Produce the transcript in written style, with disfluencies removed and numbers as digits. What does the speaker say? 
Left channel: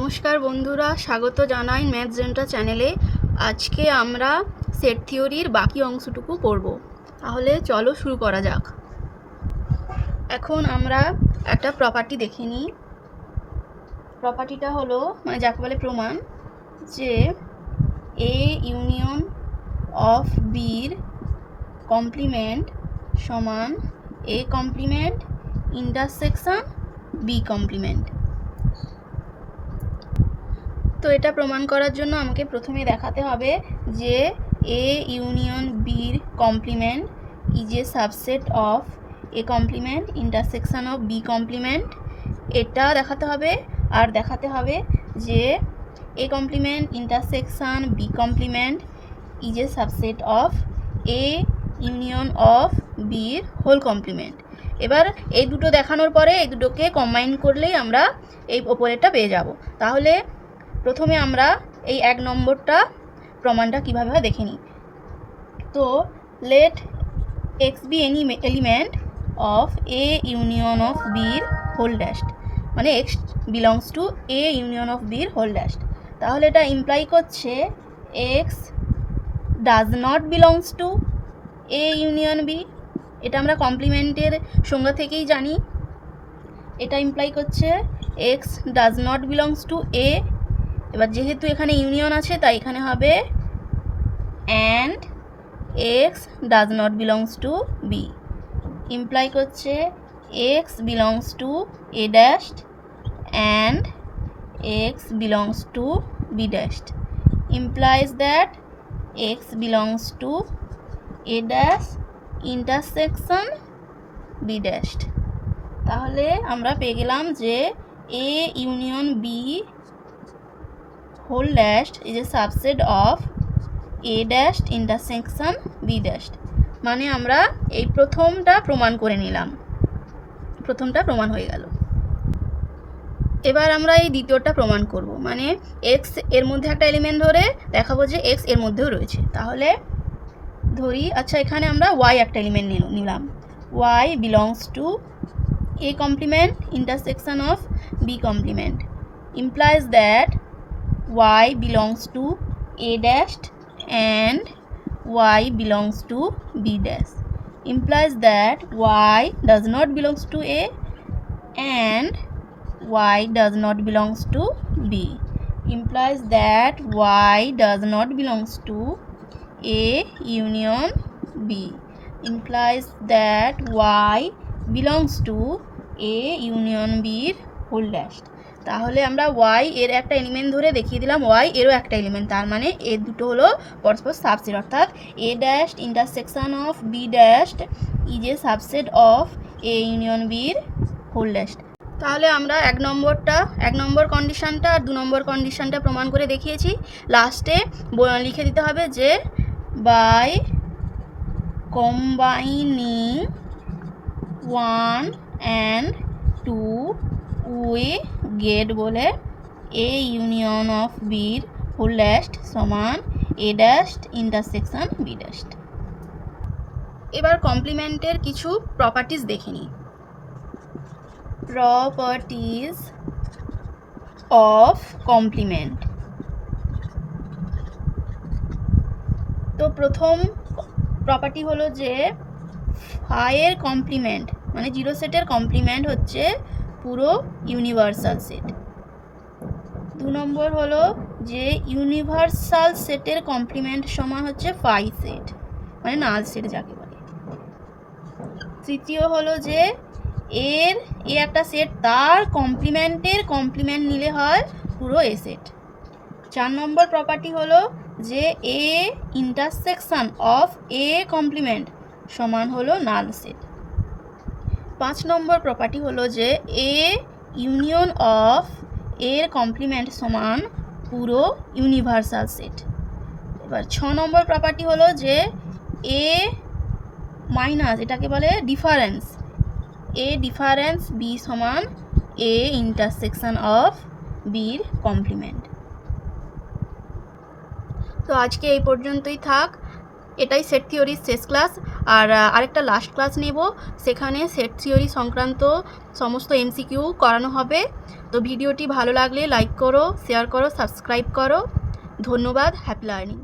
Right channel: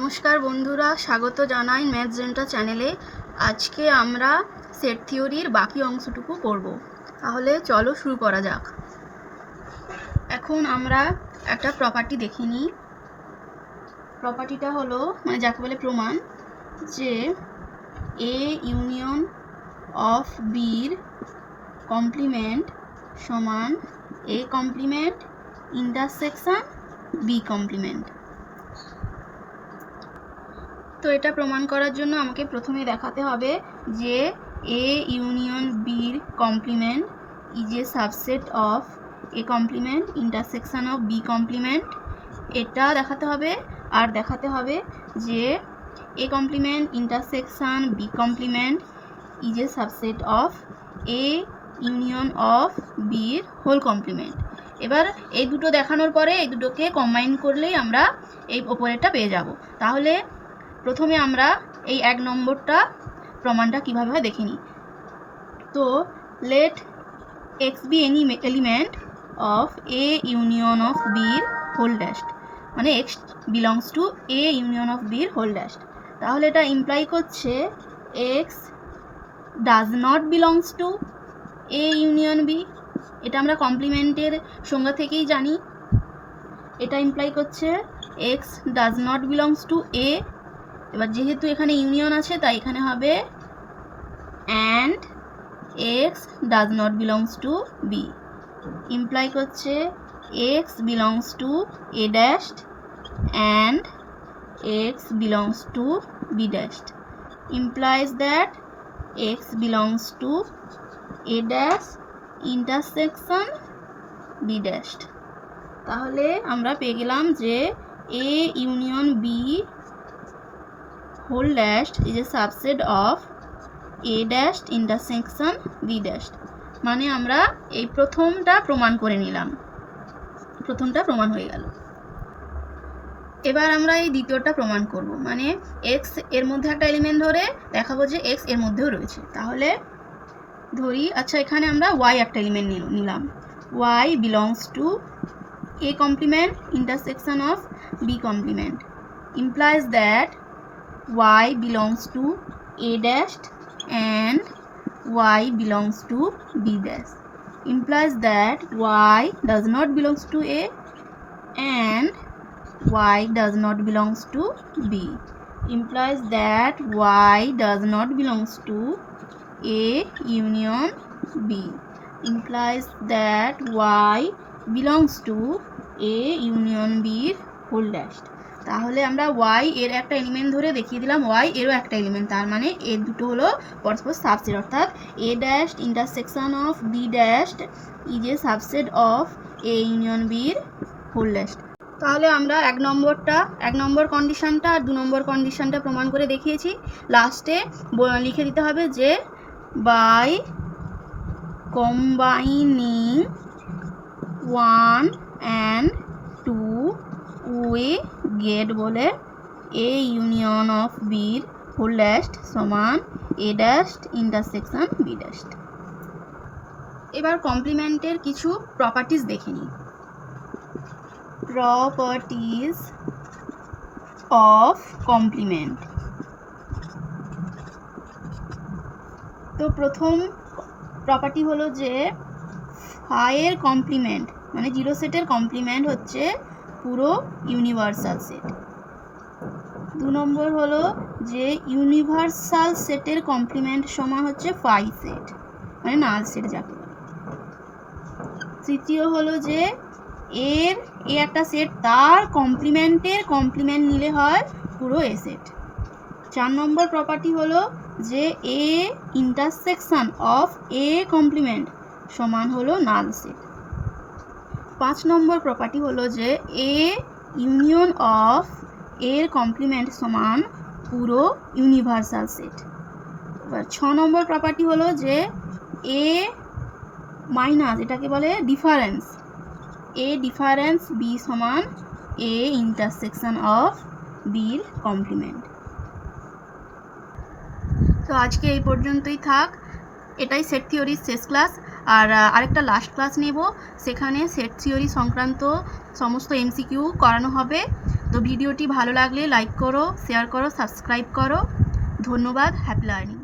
নমস্কার বন্ধুরা, স্বাগত জানাই ম্যাথ জেন্টা চ্যানেলে। আজকে আমরা সেট থিওরির বাকি অংশটুকু পড়ব। তাহলে চলো শুরু করা যাক। এখন আমরা একটা প্রপার্টি দেখে নিই। প্রপার্টিটা হলো যাকে বলে প্রমাণ, যে এ ইউনিয়ন অফ বির কমপ্লিমেন্ট সমান A complement intersection B complement. তো এটা প্রমাণ করার জন্য আমাকে প্রথমে দেখাতে হবে যে এ ইউনিয়ন বির complement is a subset of A complement intersection of B complement. এটা দেখাতে হবে। আর দেখাতে হবে যে A complement intersection B complement is a subset of A union of বির হোল কমপ্লিমেন্ট। এবার এই দুটো দেখানোর পরে এই দুটোকে কম্বাইন করলেই আমরা এই ওপরেরটা পেয়ে যাব। তাহলে প্রথমে আমরা এই 1 নম্বরটা প্রমাণটা কীভাবে হয় দেখে নিই। তো let x be any element of A union of বির হোল ড্যাশড, মানে x belongs to A union of বির হোল ড্যাশড। তাহলে এটা ইমপ্লাই করছে x does not belongs to A union B. এটা আমরা কমপ্লিমেন্টের সংজ্ঞা থেকেই জানি। এটা ইমপ্লাই করছে x does not belongs to A. এবার যেহেতু এখানে ইউনিয়ন আছে তাই এখানে হবে and x does not belongs to B. Imply করছে x belongs to A dashed and x belongs to B dashed. Implies that x belongs to A dash intersection B dashed. তাহলে আমরা পেয়ে গেলাম যে A union B whole dashed is a subset of a dashed intersection b dashed। মানে আমরা এই প্রথমটা প্রমাণ করে নিলাম, প্রথমটা প্রমাণ হয়ে গেল। এবার আমরা এই দ্বিতীয়টা প্রমাণ করব, মানে এক্স এর মধ্যে একটা এলিমেন্ট ধরে দেখাবো যে এক্স এর মধ্যেও রয়েছে। তাহলে ধরি, আচ্ছা এখানে আমরা ওয়াই একটা এলিমেন্ট নিলাম। Y belongs to A complement intersection of B complement. Implies that y belongs to a dashed and y belongs to b dash. Implies that y does not belongs to a and y does not belongs to b. Implies that y does not belongs to a union b. Implies that y belongs to a union b whole dashed। তাহলে আমরা y এর একটা element ধরে দেখিয়ে দিলাম y এরও একটা element, তার মানে এর দুটো হলো পরস্পর সাবসেট, অর্থাৎ a dashed intersection of b dashed is a subset of a union b এর হোল ড্যাশড। তাহলে আমরা 1 নম্বর কন্ডিশনটা আর 2 নম্বর কন্ডিশনটা প্রমাণ করে দেখিয়েছি। লাস্টে লিখে দিতে হবে যে by combining 1 and 2 we get বলে এ ইউনিয়ন অফ বির হোল ড্যাশড সমান A dashed intersection B dashed. এবার কমপ্লিমেন্টের কিছু প্রপার্টিজ দেখে নিই। Properties of complement. তো প্রথম প্রপার্টি হলো যে ফাইয়ের কমপ্লিমেন্ট মানে জিরো সেটের কমপ্লিমেন্ট হচ্ছে পুরো ইউনিভার্সাল সেট। 2 নম্বর হলো যে ইউনিভার্সাল সেটের কমপ্লিমেন্ট সমান হচ্ছে ফাই সেট, মানে নাল সেট যাকে বলে। তৃতীয় হলো যে এর এ একটা সেট, তার কমপ্লিমেন্টের কমপ্লিমেন্ট নিলে হয় পুরো এ সেট। 4 নম্বর প্রপার্টি হলো যে A intersection of A complement সমান হলো নাল সেট। 5 নম্বর প্রপার্টি হলো যে এ ইউনিয়ন অফ এর কমপ্লিমেন্ট সমান পুরো ইউনিভার্সাল সেট। এবার 6 নম্বর প্রপার্টি হলো যে এ মাইনাস, এটাকে বলে ডিফারেন্স, এ ডিফারেন্স বি সমান এ ইন্টারসেকশন অফ বির কমপ্লিমেন্ট। তো আজকে এই পর্যন্তই থাক। এটাই সেট থিওরির শেষ ক্লাস। আর আরেকটা লাস্ট ক্লাস নেব, সেখানে সেট থিওরি সংক্রান্ত সমস্ত এমসিকিউ করানো হবে। তো ভিডিওটি ভালো লাগলে লাইক করো, শেয়ার করো, সাবস্ক্রাইব করো। ধন্যবাদ। Happy learning.